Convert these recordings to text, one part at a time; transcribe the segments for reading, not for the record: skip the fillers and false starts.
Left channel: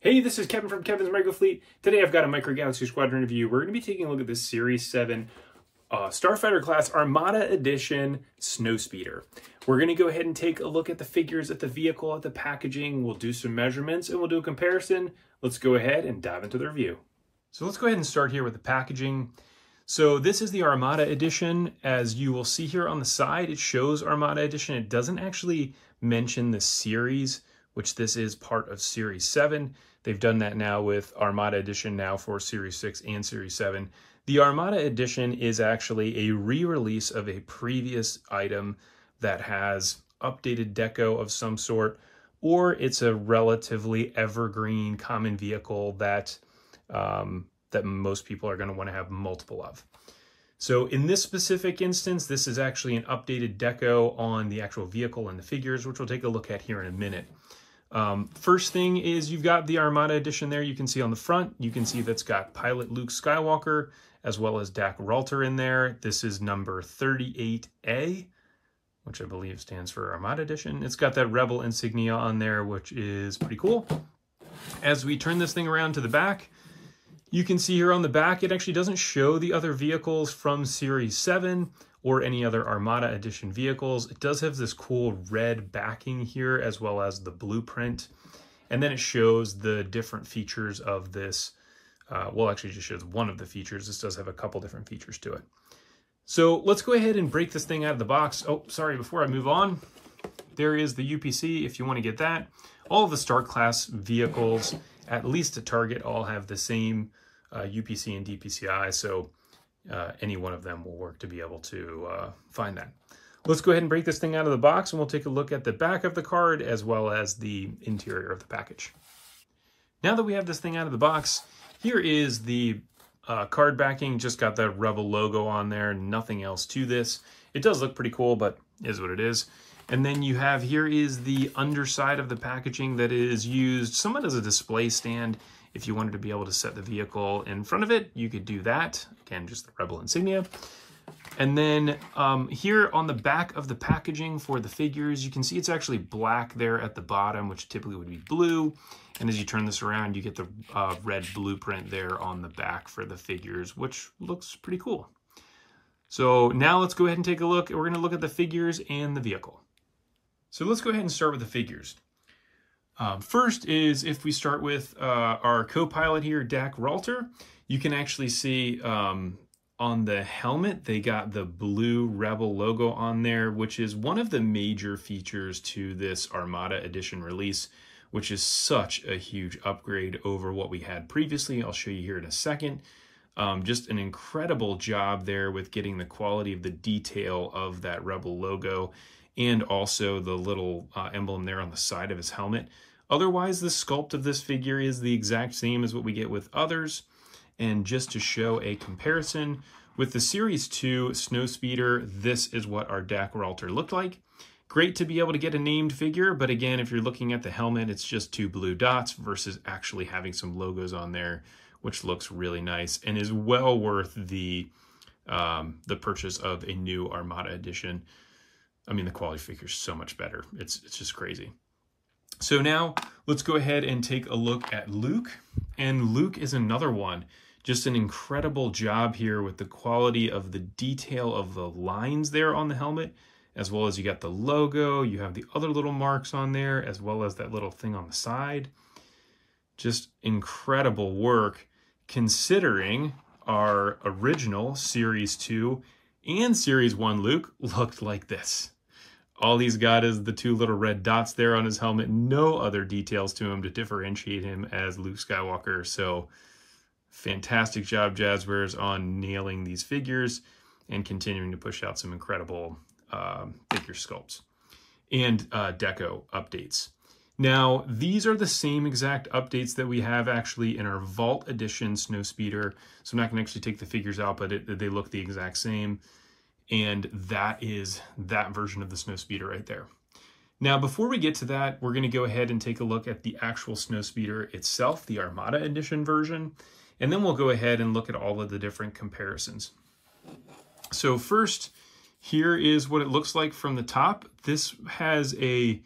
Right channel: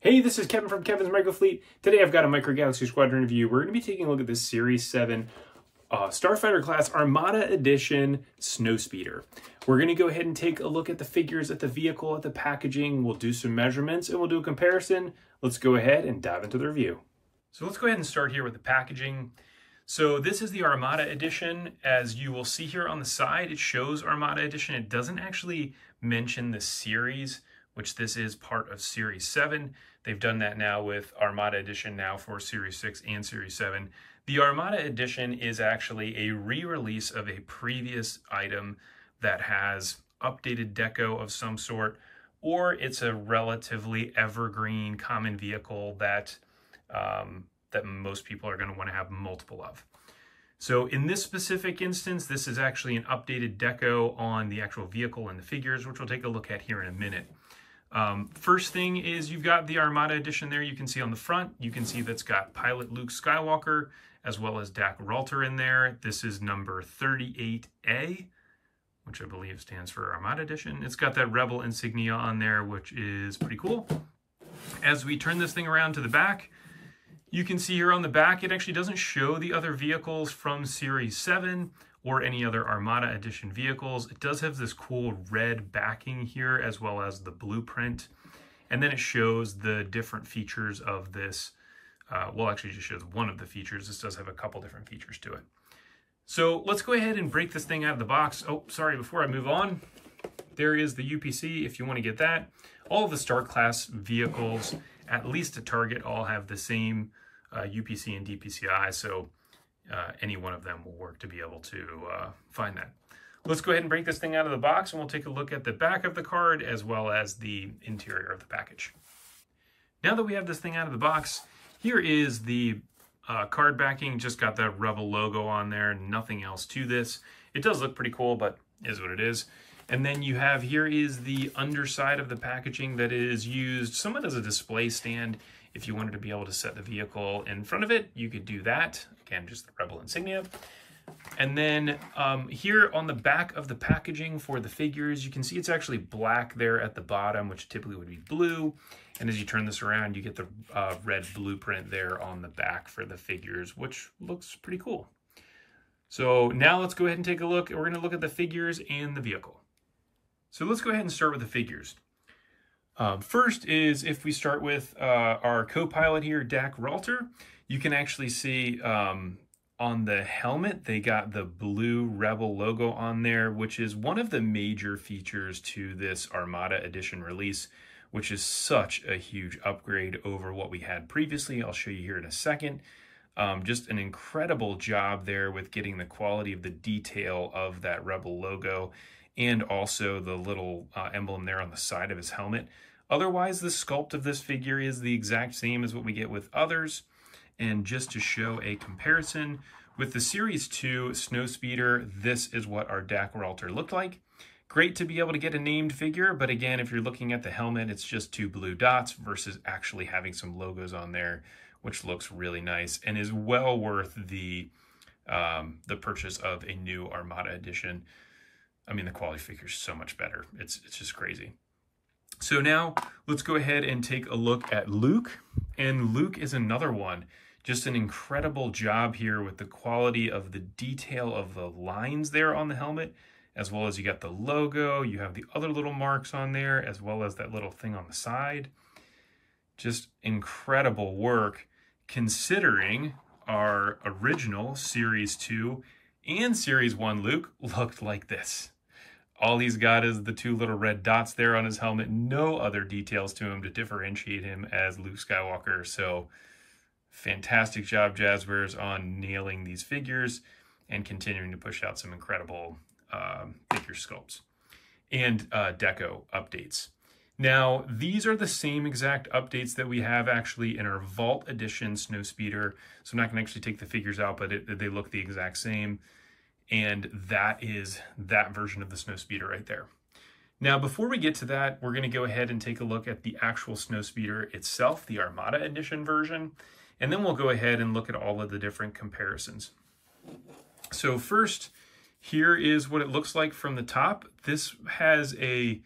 Hey, this is Kevin from Kevin's Micro Fleet. Today I've got a Micro Galaxy Squadron review. We're going to be taking a look at this Series 7 Starfighter class Armada Edition Snowspeeder. We're going to go ahead and take a look at the figures, at the vehicle, at the packaging. We'll do some measurements and we'll do a comparison. Let's go ahead and dive into the review. So let's go ahead and start here with the packaging. So this is the Armada Edition. As you will see here on the side, it shows Armada Edition. It doesn't actually mention the series, which this is part of Series 7. They've done that now with Armada Edition now for Series 6 and Series 7. The Armada Edition is actually a re-release of a previous item that has updated deco of some sort, or it's a relatively evergreen common vehicle that, that most people are going to want to have multiple of. So in this specific instance, this is actually an updated deco on the actual vehicle and the figures, which we'll take a look at here in a minute. First thing is you've got the Armada Edition there. You can see on the front, you can see that's got pilot Luke Skywalker as well as Dak Ralter in there. This is number 38A, which I believe stands for Armada Edition. It's got that Rebel insignia on there, which is pretty cool. As we turn this thing around to the back, you can see here on the back, it actually doesn't show the other vehicles from Series 7 or any other Armada Edition vehicles. It does have this cool red backing here as well as the blueprint. And then it shows the different features of this. Well, actually just shows one of the features. This does have a couple different features to it. So let's go ahead and break this thing out of the box. Oh, sorry, before I move on, there is the UPC if you want to get that. All of the Star class vehicles, at least at Target, all have the same UPC and DPCI. So any one of them will work to be able to find that. Let's go ahead and break this thing out of the box and we'll take a look at the back of the card as well as the interior of the package. Now that we have this thing out of the box, here is the card backing. Just got that Rebel logo on there, nothing else to this. It does look pretty cool, but is what it is. And then you have, here is the underside of the packaging that is used somewhat as a display stand. If you wanted to be able to set the vehicle in front of it, you could do that. Again, just the Rebel insignia. And then here on the back of the packaging for the figures, you can see it's actually black there at the bottom, which typically would be blue. And as you turn this around, you get the red blueprint there on the back for the figures, which looks pretty cool. So now let's go ahead and take a look. We're going to look at the figures and the vehicle. So let's go ahead and start with the figures. First is if we start with our co-pilot here, Dak Ralter, you can actually see on the helmet, they got the blue Rebel logo on there, which is one of the major features to this Armada Edition release, which is such a huge upgrade over what we had previously. I'll show you here in a second. Just an incredible job there with getting the quality of the detail of that Rebel logo and also the little emblem there on the side of his helmet. Otherwise, the sculpt of this figure is the exact same as what we get with others. And just to show a comparison, with the Series 2 Snowspeeder, this is what our Dak Ralter looked like. Great to be able to get a named figure, but again, if you're looking at the helmet, it's just two blue dots versus actually having some logos on there, which looks really nice and is well worth the purchase of a new Armada Edition. I mean, the quality figure is so much better. It's just crazy. So now let's go ahead and take a look at Luke. And Luke is another one. Just an incredible job here with the quality of the detail of the lines there on the helmet, as well as you got the logo, you have the other little marks on there, as well as that little thing on the side. Just incredible work considering our original Series 2 and Series 1 Luke looked like this. All he's got is the two little red dots there on his helmet, no other details to him to differentiate him as Luke Skywalker. So fantastic job, Jazwares, on nailing these figures and continuing to push out some incredible figure sculpts and deco updates. Now, these are the same exact updates that we have actually in our Vault Edition Snowspeeder. So I'm not going to actually take the figures out, but they look the exact same. And that is that version of the Snowspeeder right there. Now, before we get to that, we're going to go ahead and take a look at the actual Snowspeeder itself, the Armada Edition version. And then we'll go ahead and look at all of the different comparisons. So first, here is what it looks like from the top. This has the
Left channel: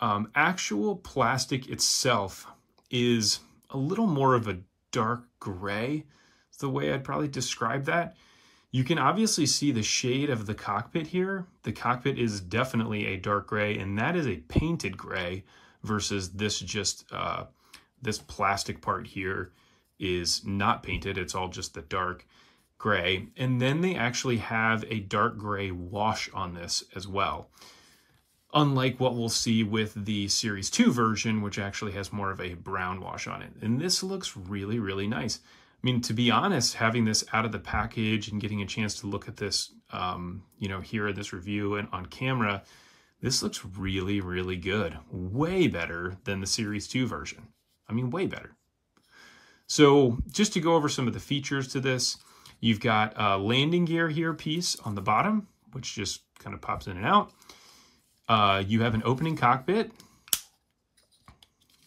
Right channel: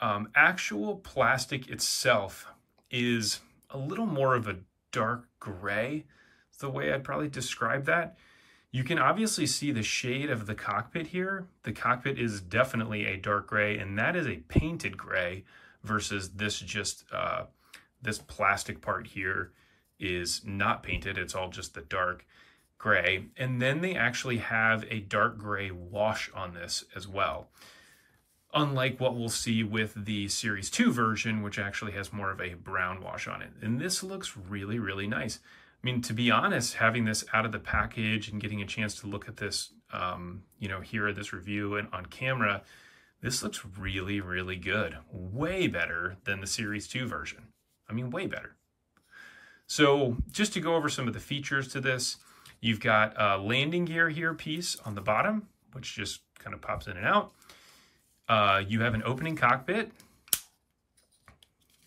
actual plastic itself is a little more of a dark gray. It's the way I'd probably describe that. You can obviously see the shade of the cockpit here. The cockpit is definitely a dark gray, and that is a painted gray versus this just, this plastic part here is not painted. It's all just the dark gray. And then they actually have a dark gray wash on this as well. Unlike what we'll see with the Series 2 version, which actually has more of a brown wash on it. And this looks really, really nice. I mean, to be honest, having this out of the package and getting a chance to look at this, you know, here in this review and on camera, this looks really, really good. Way better than the Series 2 version. I mean, way better. So just to go over some of the features to this, you've got a landing gear here piece on the bottom, which just kind of pops in and out. You have an opening cockpit,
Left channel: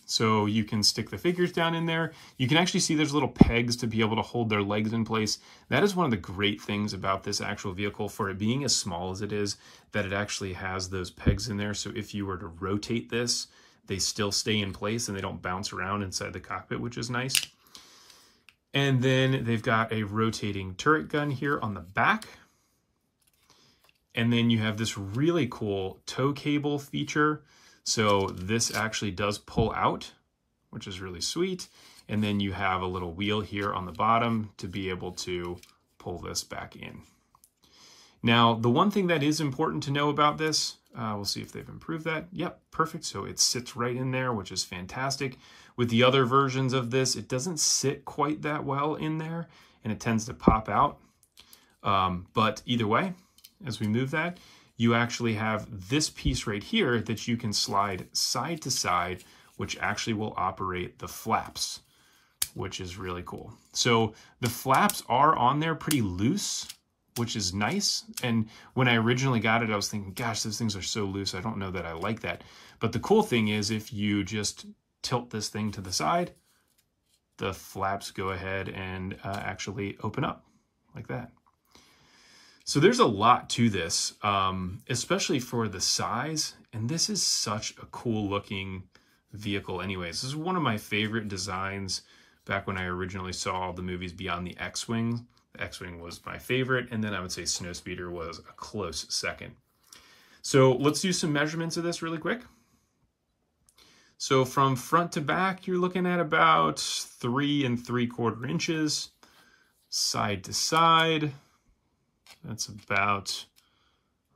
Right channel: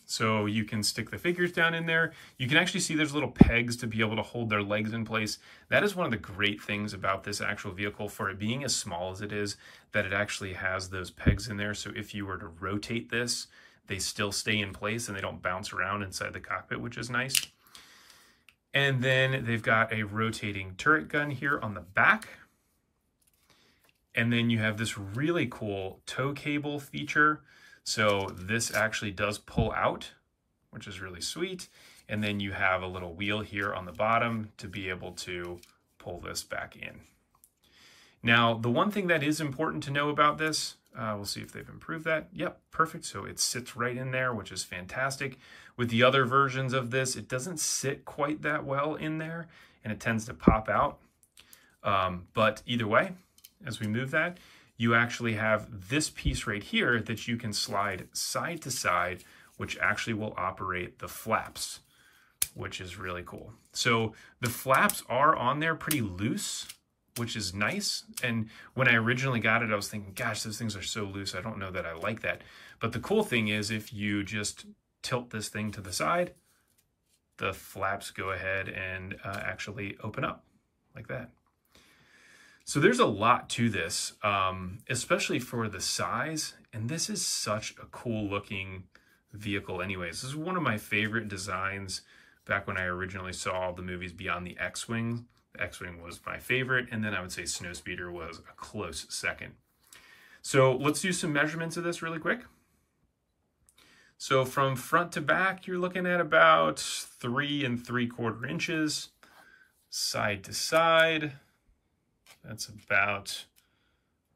so you can stick the figures down in there. You can actually see there's little pegs to be able to hold their legs in place. That is one of the great things about this actual vehicle, for it being as small as it is, that it actually has those pegs in there. So if you were to rotate this, they still stay in place and they don't bounce around inside the cockpit, which is nice. And then they've got a rotating turret gun here on the back. And then you have this really cool tow cable feature. So this actually does pull out, which is really sweet. And then you have a little wheel here on the bottom to be able to pull this back in. Now, the one thing that is important to know about this, we'll see if they've improved that. Yep, perfect. So it sits right in there, which is fantastic. With the other versions of this, it doesn't sit quite that well in there, and it tends to pop out. But either way, as we move that, you actually have this piece right here that you can slide side to side, which actually will operate the flaps, which is really cool. So the flaps are on there pretty loose, which is nice. And when I originally got it, I was thinking, gosh, those things are so loose. I don't know that I like that. But the cool thing is, if you just tilt this thing to the side, the flaps go ahead and actually open up like that. So there's a lot to this, especially for the size. And this is such a cool looking vehicle anyways. This is one of my favorite designs back when I originally saw the movies beyond the X-Wing. The X-Wing was my favorite, and then I would say Snowspeeder was a close second. So let's do some measurements of this really quick. So from front to back, you're looking at about 3 3/4 inches. Side to side, that's about,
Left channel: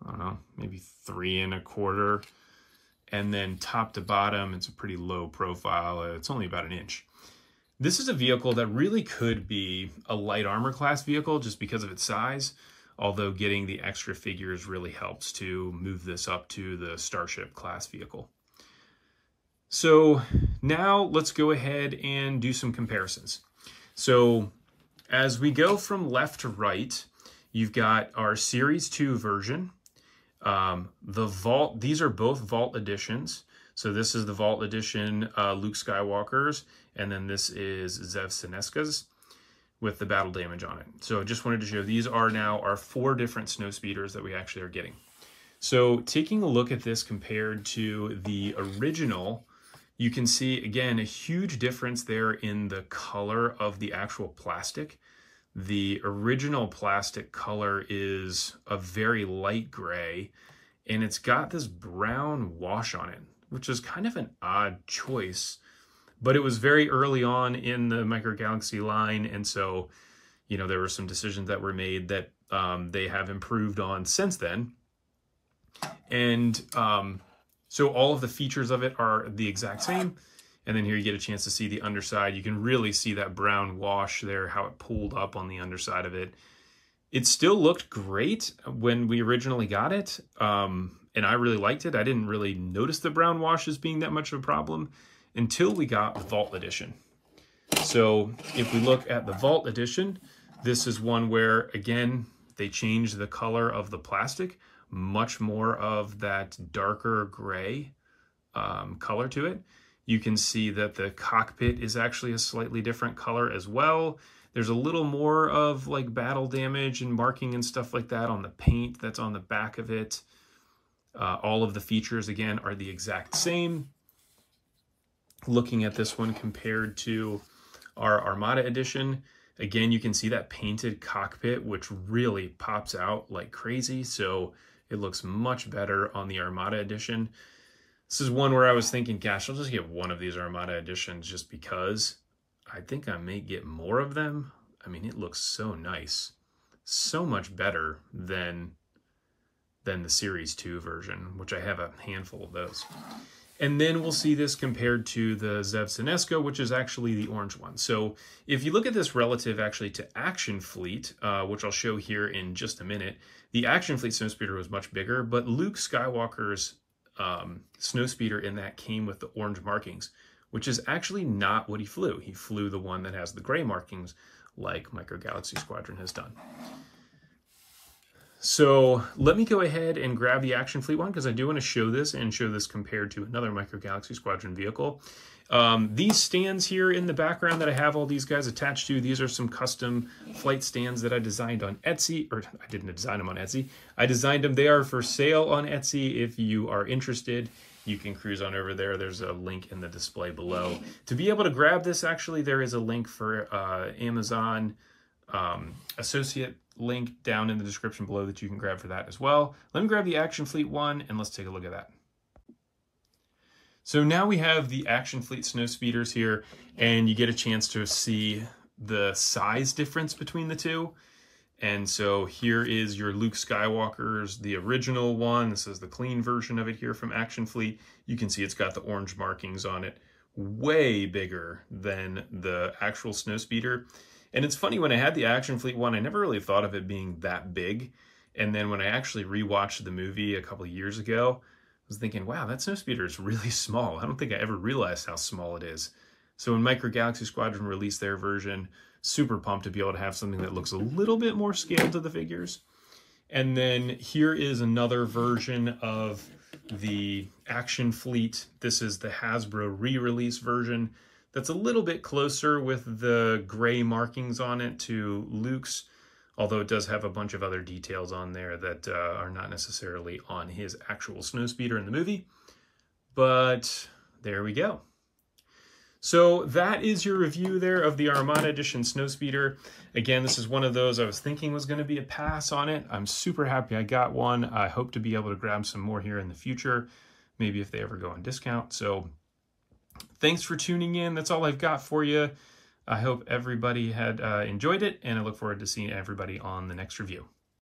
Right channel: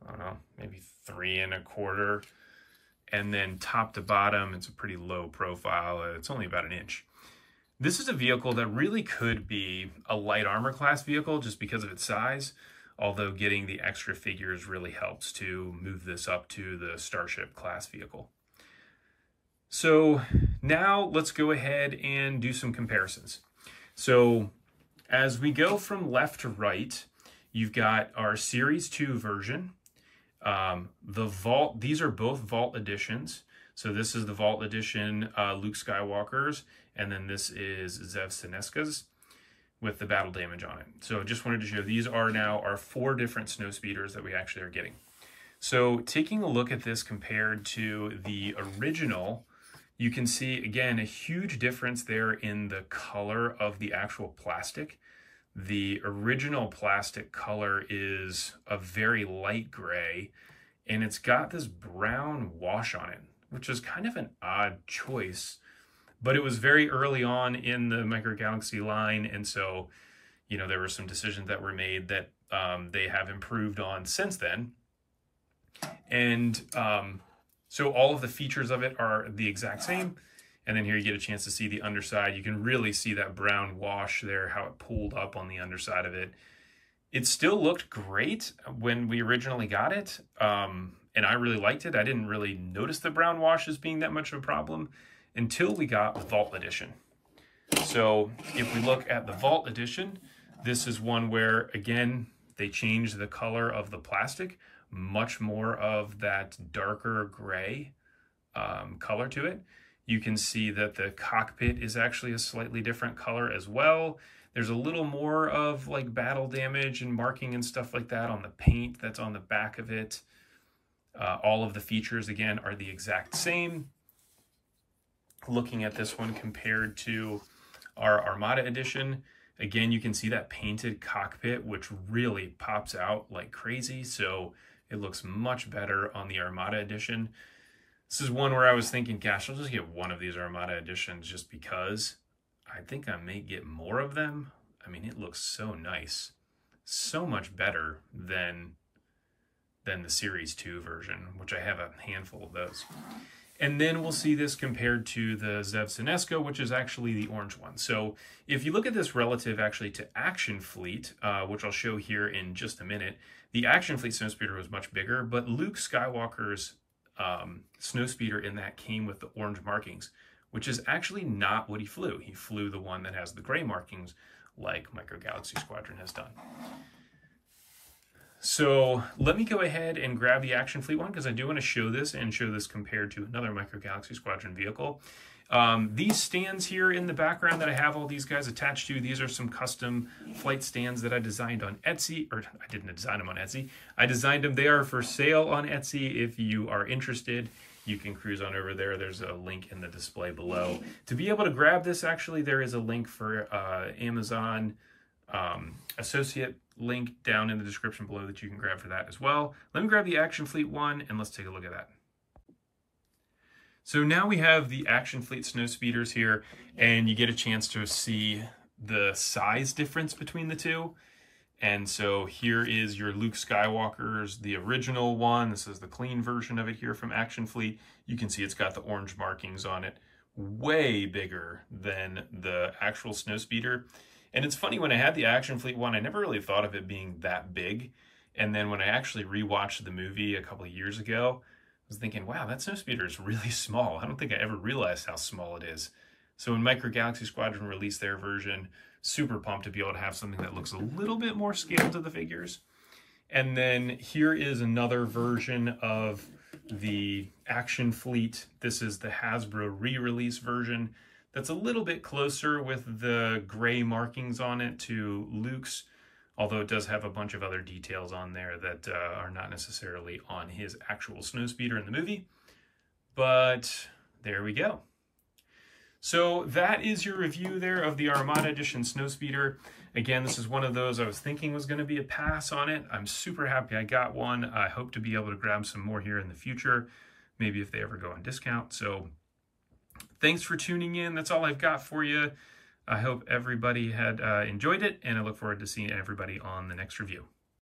I don't know, maybe 3 1/4. And then top to bottom, it's a pretty low profile. It's only about 1 inch. This is a vehicle that really could be a light armor class vehicle just because of its size, although getting the extra figures really helps to move this up to the Starship class vehicle. So now let's go ahead and do some comparisons. So as we go from left to right, you've got our Series 2 version. The Vault, these are both Vault editions. So this is the Vault edition, Luke Skywalker's, and then this is Zev Senesca's with the battle damage on it. So I just wanted to show these are now our 4 different Snowspeeders that we actually are getting. So taking a look at this compared to the original, you can see, again, a huge difference there in the color of the actual plastic. The original plastic color is a very light gray, and it's got this brown wash on it, which is kind of an odd choice, but it was very early on in the Micro Galaxy line, and so, you know, there were some decisions that were made that they have improved on since then. And so all of the features of it are the exact same. And then here you get a chance to see the underside. You can really see that brown wash there, how it pulled up on the underside of it. It still looked great when we originally got it. And I really liked it. I didn't really notice the brown wash as being that much of a problem until we got the Vault Edition. So if we look at the Vault Edition, this is one where, again, they changed the color of the plastic, much more of that darker gray color to it. You can see that the cockpit is actually a slightly different color as well. There's a little more of like battle damage and marking and stuff like that on the paint that's on the back of it. All of the features, again, are the exact same. Looking at this one compared to our Armada edition, again, you can see that painted cockpit, which really pops out like crazy. So it looks much better on the Armada edition. This is one where I was thinking, gosh, I'll just get one of these Armada editions just because. I think I may get more of them. I mean, it looks so nice. So much better than the Series 2 version, which I have a handful of those. And then we'll see this compared to the Zev Sinesco, which is actually the orange one. So if you look at this relative actually to Action Fleet, which I'll show here in just a minute, the Action Fleet Snowspeeder was much bigger, but Luke Skywalker's Snowspeeder in that came with the orange markings, which is actually not what he flew. He flew the one that has the gray markings like Micro Galaxy Squadron has done. So let me go ahead and grab the Action Fleet one because I do want to show this and show this compared to another Micro Galaxy Squadron vehicle. These stands here in the background that I have all these guys attached to, these are some custom flight stands that I designed on Etsy, or I didn't design them on Etsy. I designed them. They are for sale on Etsy. If you are interested, you can cruise on over there. There's a link in the display below. To be able to grab this, actually, there is a link for Amazon associate link down in the description below that you can grab for that as well. Let me grab the Action Fleet one and let's take a look at that. So now we have the Action Fleet Snowspeeders here, and you get a chance to see the size difference between the two. And so here is your Luke Skywalker's, the original one. This is the clean version of it here from Action Fleet. You can see it's got the orange markings on it, way bigger than the actual Snowspeeder. And it's funny, when I had the Action Fleet one, I never really thought of it being that big. And then when I actually rewatched the movie a couple of years ago, I was thinking, wow, that Snowspeeder is really small. I don't think I ever realized how small it is. So when Micro Galaxy Squadron released their version, super pumped to be able to have something that looks a little bit more scaled to the figures. And then here is another version of the Action Fleet. This is the Hasbro re-release version. That's a little bit closer with the gray markings on it to Luke's, although it does have a bunch of other details on there that are not necessarily on his actual Snowspeeder in the movie. But there we go. So that is your review there of the Armada Edition Snowspeeder. Again, this is one of those I was thinking was going to be a pass on it. I'm super happy I got one. I hope to be able to grab some more here in the future, maybe if they ever go on discount. So thanks for tuning in. That's all I've got for you. I hope everybody had enjoyed it, and I look forward to seeing everybody on the next review.